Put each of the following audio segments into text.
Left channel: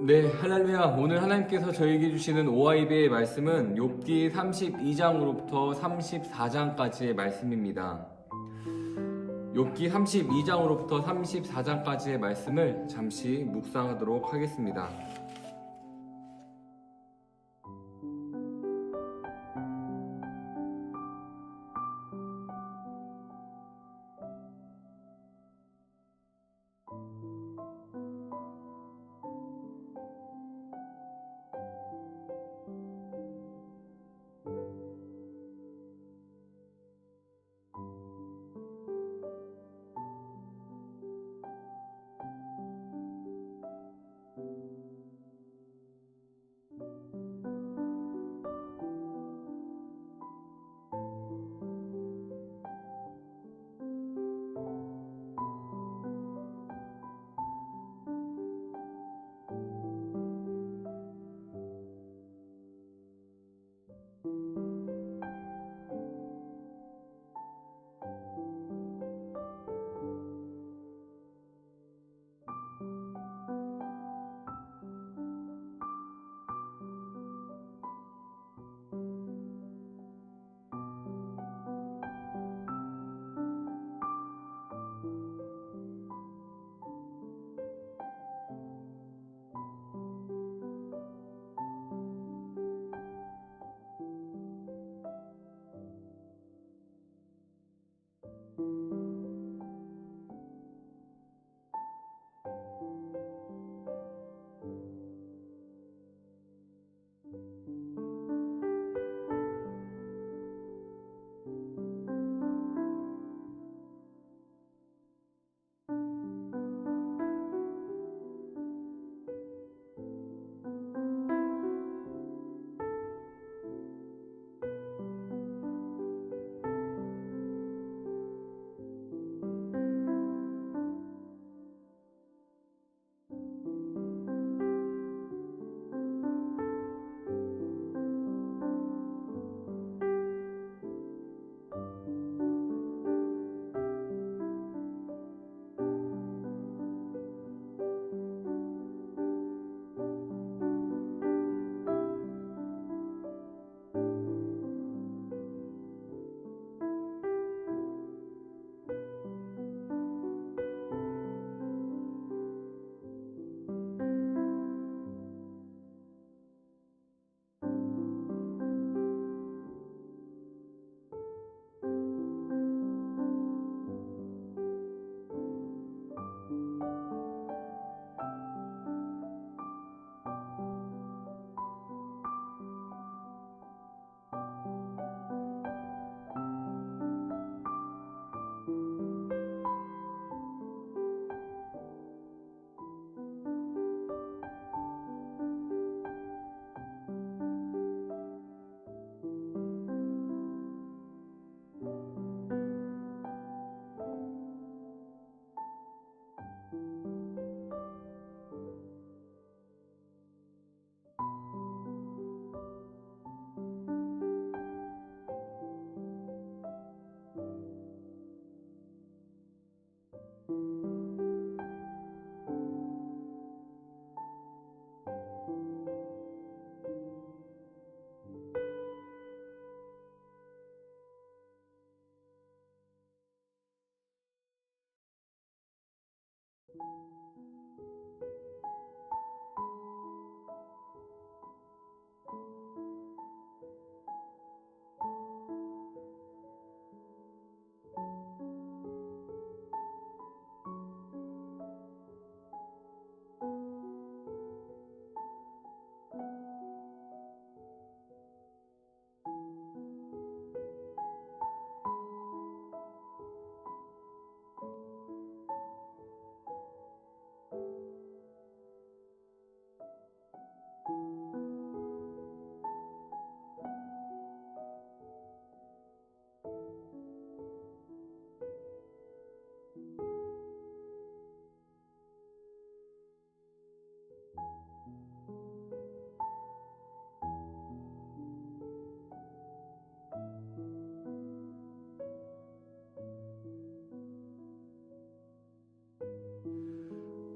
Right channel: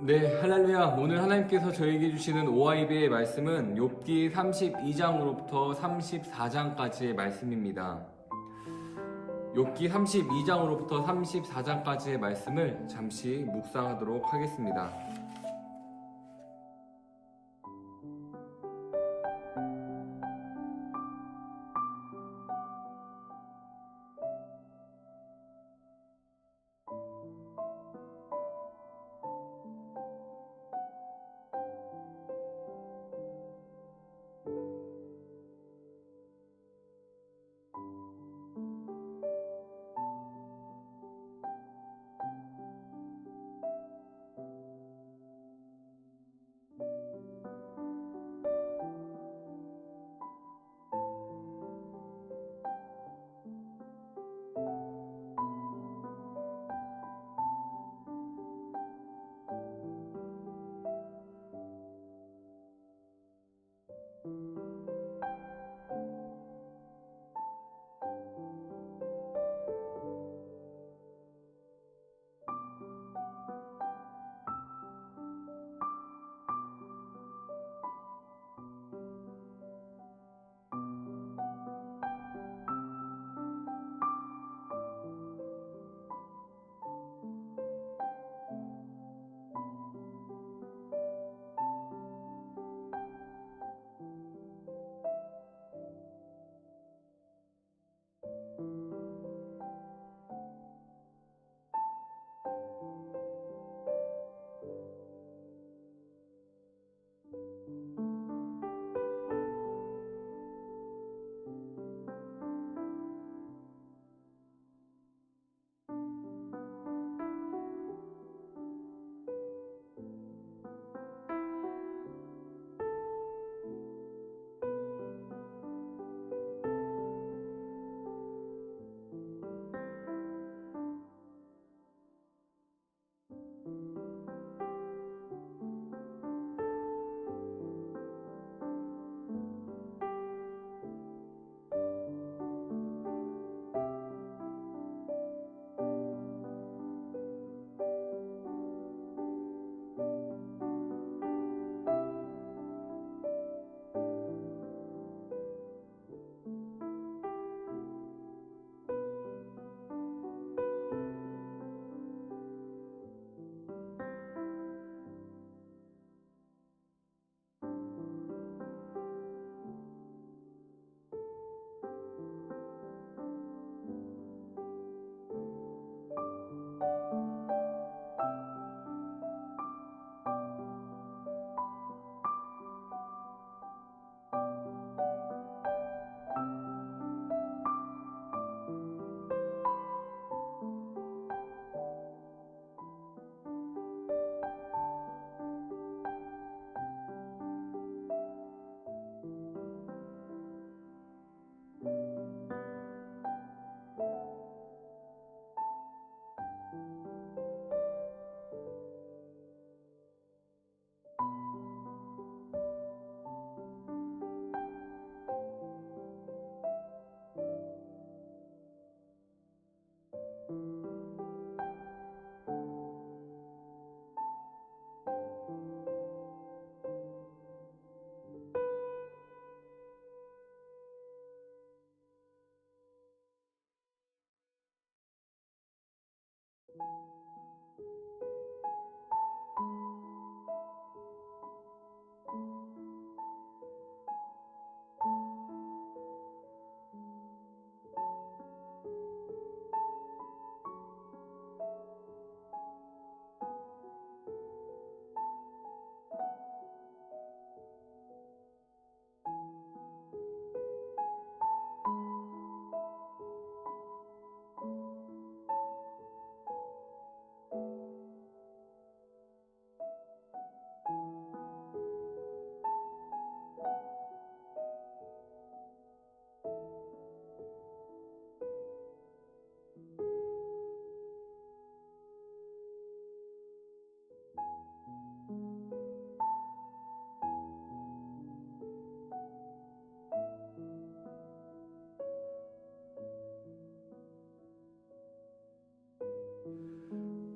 네, 할렐루야. 오늘 하나님께서 저에게 주시는 오하이베의 말씀은 욥기 32장으로부터 34장까지의 말씀입니다. 욥기 32장으로부터 34장까지의 말씀을 잠시 묵상하도록 하겠습니다.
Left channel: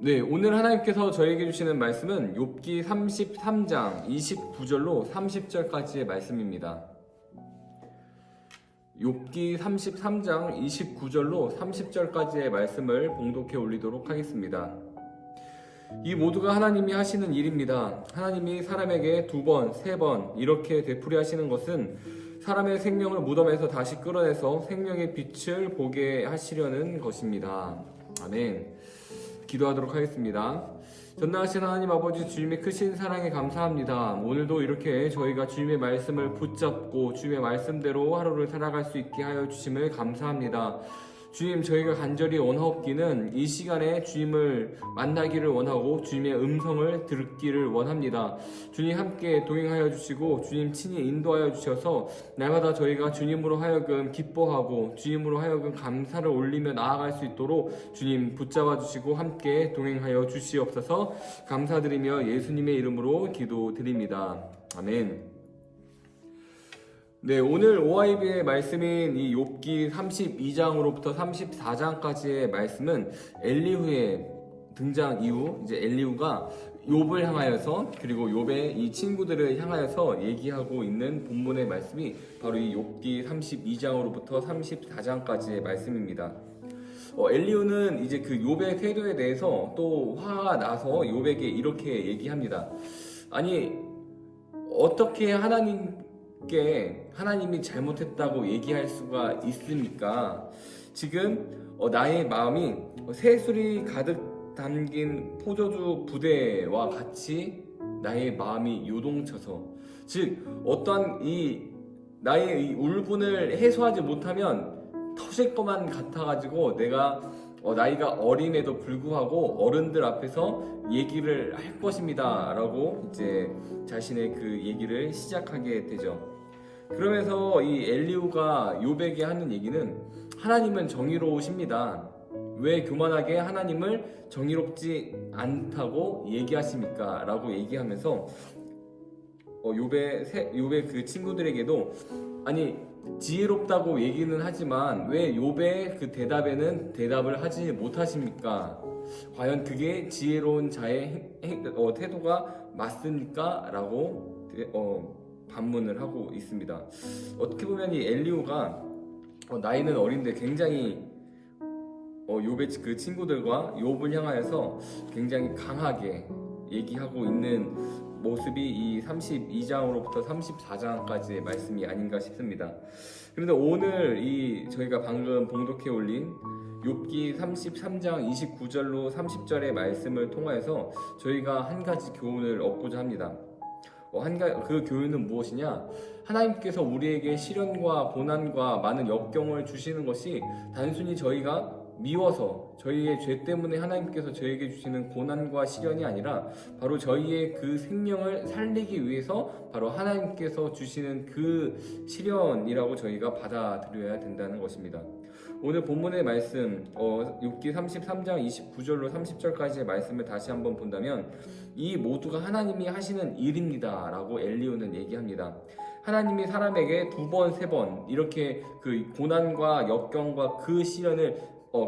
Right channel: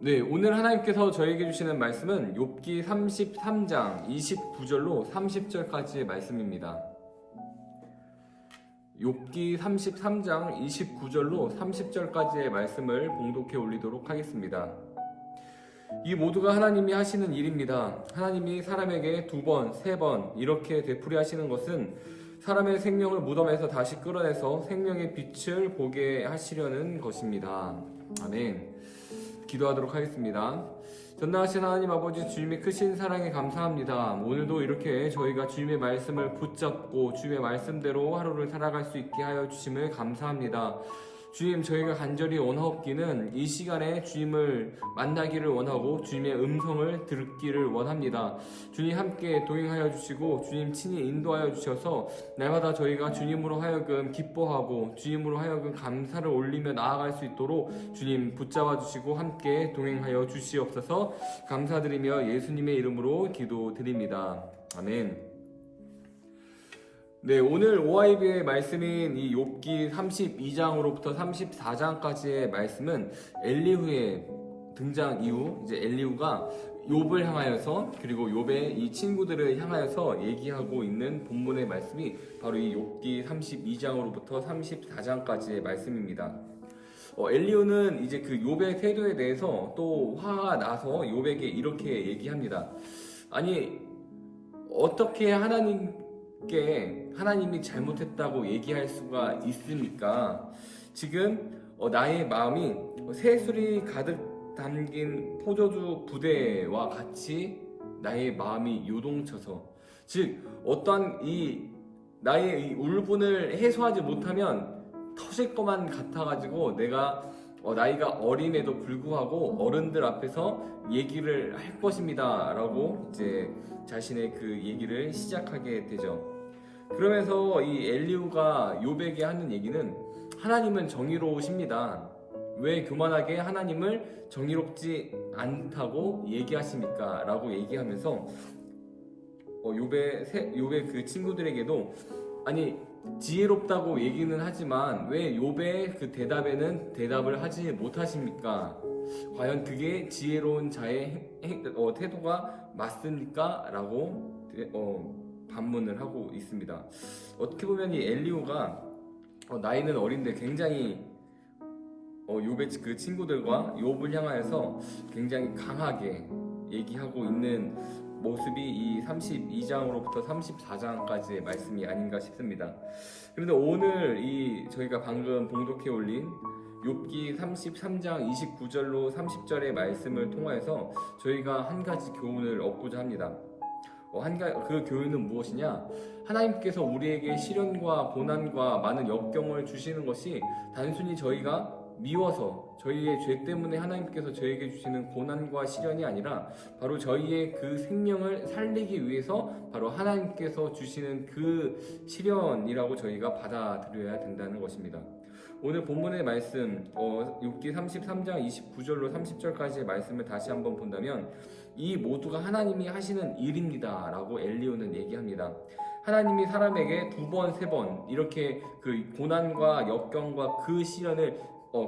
네, 오늘 하나님께서 저에게 주시는 말씀은 욥기 33장 29절로 30절까지의 말씀입니다. 욥기 33장 29절로 30절까지의 말씀을 봉독해 올리도록 하겠습니다. 이 모두가 하나님이 하시는 일입니다. 하나님이 사람에게 2번, 3번 이렇게 되풀이 하시는 것은 사람의 생명을 무덤에서 다시 끌어내서 생명의 빛을 보게 하시려는 것입니다. 아멘. 기도하도록 하겠습니다. 전능하신 하나님 아버지, 주님의 크신 사랑에 감사합니다. 오늘도 이렇게 저희가 주님의 말씀을 붙잡고 주님의 말씀대로 하루를 살아갈 수 있게 하여 주심을 감사합니다. 주님, 저희가 간절히 원하옵기는 이 시간에 주님을 만나기를 원하고 주님의 음성을 듣기를 원합니다. 주님 함께 동행하여 주시고 주님 친히 인도하여 주셔서 날마다 저희가 주님으로 하여금 기뻐하고 주님으로 하여금 감사를 올리며 나아갈 수 있도록 주님 붙잡아 주시고 함께 동행하여 주시옵소서. 감사드리며 예수님의 이름으로 기도드립니다. 아멘. 네, 오늘 OIB의 말씀인 이 욥기 32장으로부터 34장까지의 말씀은 엘리후의 등장 이후 이제 엘리후가 욥을 향하여서 그리고 욥의 이 친구들을 향하여서 얘기하고 있는 본문의 말씀이 바로 이 욥기 32장으로부터 34장까지의 말씀입니다. 엘리후는 이제 그 욥의 태도에 대해서 또 화가 나서 욥에게 이렇게 얘기합니다. 아니, 어떻게 하나님이 잘못했다고 얘기할 수가 있습니까? 지금 나의 마음이 새술이 가득 담긴 포도주 부대와 같이 나의 마음이 요동쳐서, 즉 어떠한 나의 이 울분을 해소하지 못하면 터질 것만 같아가지고 내가 나이가 어림에도 불구하고 어른들 앞에서 얘기를 할 것입니다 라고 이제 자신의 그 얘기를 시작하게 되죠. 그러면서 이 엘리후가 욥에게 하는 얘기는 하나님은 정의로우십니다. 왜 교만하게 하나님을 정의롭지 않다고 얘기하십니까? 라고 얘기하면서 욥의 그 친구들에게도 아니 지혜롭다고 얘기는 하지만 왜 욥의 그 대답에는 대답을 하지 못하십니까? 과연 그게 지혜로운 자의 태도가 맞습니까? 라고 반문을 하고 있습니다. 어떻게 보면 이 엘리후가 나이는 어린데 굉장히 욥의 그 친구들과 욥을 향하여서 굉장히 강하게 얘기하고 있는 모습이 이 32장으로부터 34장까지의 말씀이 아닌가 싶습니다. 그런데 오늘 저희가 방금 봉독해 올린 욥기 33장 29절로 30절의 말씀을 통하여서 저희가 한 가지 교훈을 얻고자 합니다. 그 교훈은 무엇이냐? 하나님께서 우리에게 시련과 고난과 많은 역경을 주시는 것이 단순히 저희가 미워서 저희의 죄 때문에 하나님께서 저에게 주시는 고난과 시련이 아니라 바로 저희의 그 생명을 살리기 위해서 바로 하나님께서 주시는 그 시련이라고 저희가 받아들여야 된다는 것입니다. 오늘 본문의 말씀 욥기 33장 29절로 30절까지의 말씀을 다시 한번 본다면 이 모두가 하나님이 하시는 일입니다 라고 엘리후는 얘기합니다. 하나님이 사람에게 2번, 3번 이렇게 그 고난과 역경과 그 시련을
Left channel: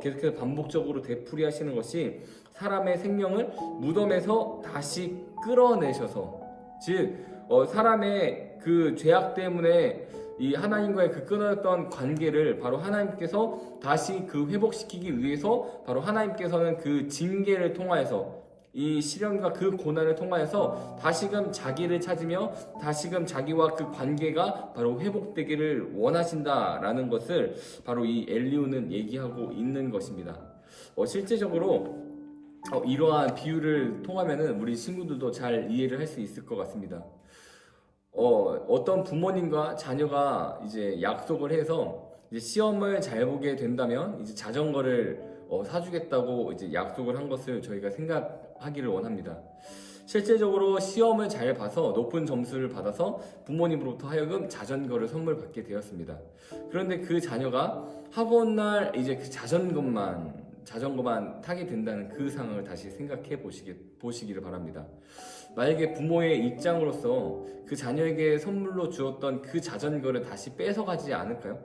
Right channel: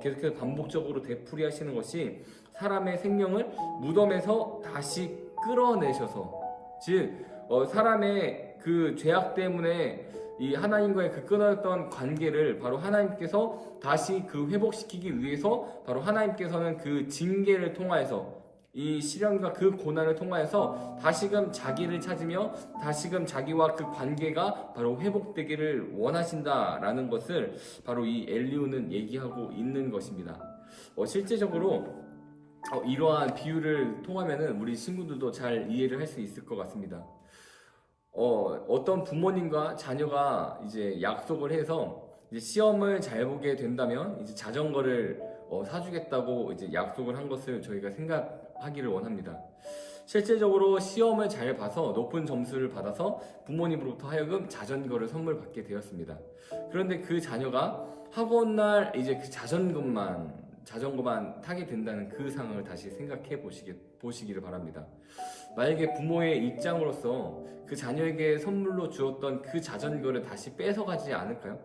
계속해서 반복적으로 되풀이 하시는 것이 사람의 생명을 무덤에서 다시 끌어내셔서, 즉 사람의 그 죄악 때문에 이 하나님과의 그 끊어졌던 관계를 바로 하나님께서 다시 그 회복시키기 위해서 바로 하나님께서는 그 징계를 통하여서 이 시련과 그 고난을 통하여서 다시금 자기를 찾으며 다시금 자기와 그 관계가 바로 회복되기를 원하신다라는 것을 바로 이 엘리후는 얘기하고 있는 것입니다. 실제적으로 이러한 비유를 통하면은 우리 친구들도 잘 이해를 할 수 있을 것 같습니다. 어떤 부모님과 자녀가 이제 약속을 해서 이제 시험을 잘 보게 된다면 이제 자전거를 사주겠다고 이제 약속을 한 것을 저희가 생각하기를 원합니다. 실제적으로 시험을 잘 봐서 높은 점수를 받아서 부모님으로부터 하여금 자전거를 선물 받게 되었습니다. 그런데 그 자녀가 학원날 이제 그 자전거만 타게 된다는 그 상황을 다시 생각해 보시기를 바랍니다. 만약에 부모의 입장으로서 그 자녀에게 선물로 주었던 그 자전거를 다시 뺏어가지 않을까요?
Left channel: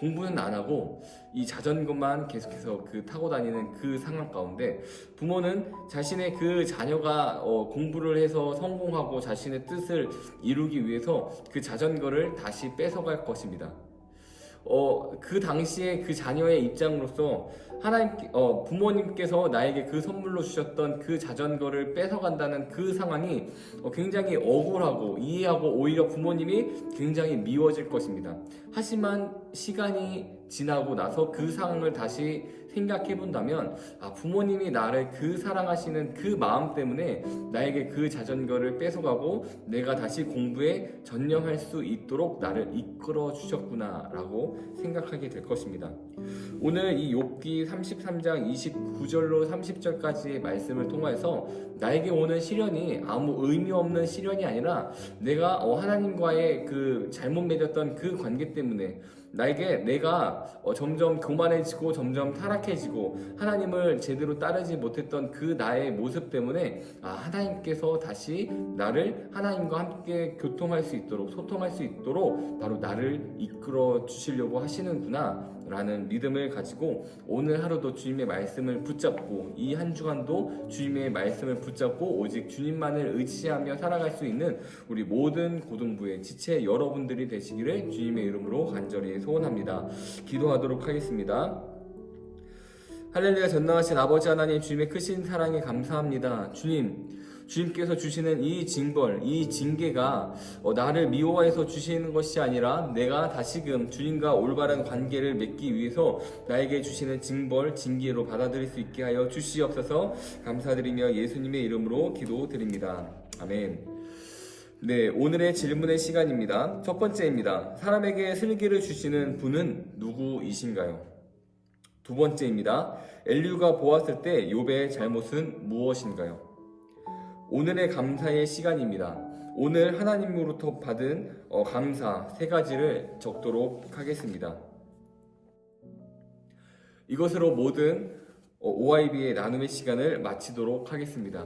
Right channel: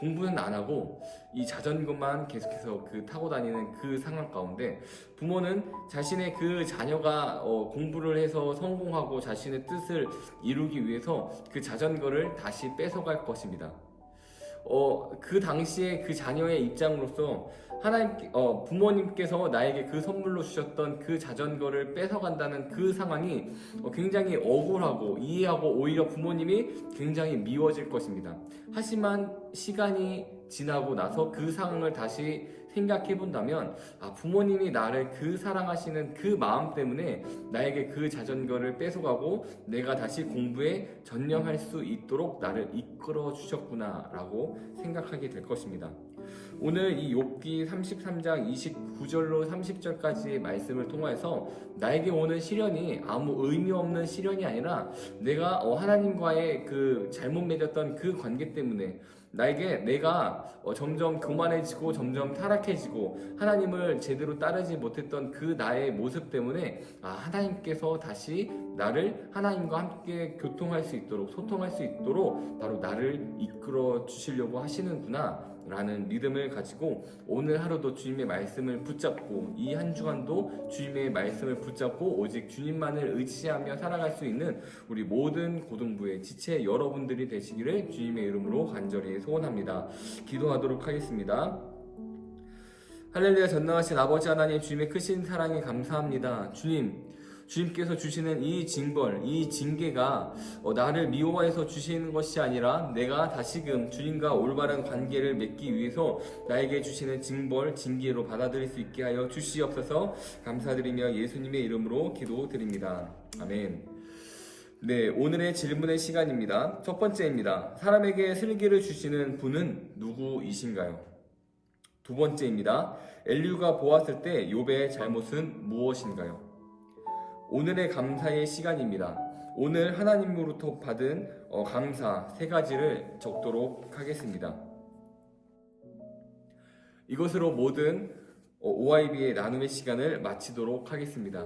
공부는 안 하고 이 자전거만 계속해서 타고 다니는 그 상황 가운데 부모는 자신의 그 자녀가 공부를 해서 성공하고 자신의 뜻을 이루기 위해서 그 자전거를 다시 뺏어갈 것입니다. 그 당시에 그 자녀의 입장으로서 부모님께서 나에게 그 선물로 주셨던 그 자전거를 뺏어간다는 그 상황이 굉장히 억울하고 이해하고 오히려 부모님이 굉장히 미워질 것입니다. 하지만 시간이 지나고 나서 그 상황을 다시 생각해 본다면 부모님이 나를 그 사랑하시는 그 마음 때문에 나에게 그 자전거를 뺏어가고 내가 다시 공부에 전념할 수 있도록 나를 이끌어 주셨구나 라고 생각하게 될 것입니다. 오늘 이 욥기 33장 29절로 30절까지의 말씀을 통해서 나에게 오는 시련이 아무 의미 없는 시련이 아니라 내가 하나님과의 그 잘못 맺었던 그 관계 때문에 내가 점점 교만해지고 점점 타락해지고 하나님을 제대로 따르지 못했던 그 나의 모습 때문에 하나님께서 다시 나를 하나님과 함께 교통할 수 있도록 소통할 수 있도록 바로 나를 이끌어 주시려고 하시는구나 라는 믿음을 가지고 오늘 하루도 주님의 말씀을 붙잡고 이 한 주간도 주님의 말씀을 붙잡고 오직 주님만을 의지하며 살아갈 수 있는 우리 모든 고등부의 지체 여러분들이 되시기를 주님의 이름으로 간절히 소원합니다. 기도하도록 하겠습니다. 할렐루야. 전능하신 아버지 하나님, 주님의 크신 사랑에 감사합니다. 주님께서 주시는 이 징벌, 이 징계가 나를 미워해서 주시는 것이 아니라 내가 다시금 주님과 올바른 관계를 맺기 위해서 나에게 주시는 징벌, 징계로 받아들일 수 있게 하여 주시옵소서. 감사드리며 예수님의 이름으로 기도드립니다. 아멘. 네, 오늘의 질문의 시간입니다. 첫 번째입니다. 사람에게 슬기를 주시는 분은 누구이신가요? 두 번째입니다. 엘리후가 보았을 때 욥의 잘못은 무엇인가요? 오늘의 감사의 시간입니다. 오늘 하나님으로부터 받은 감사 세 가지를 적도록 하겠습니다. 이것으로 모든 OIB의 나눔의 시간을 마치도록 하겠습니다.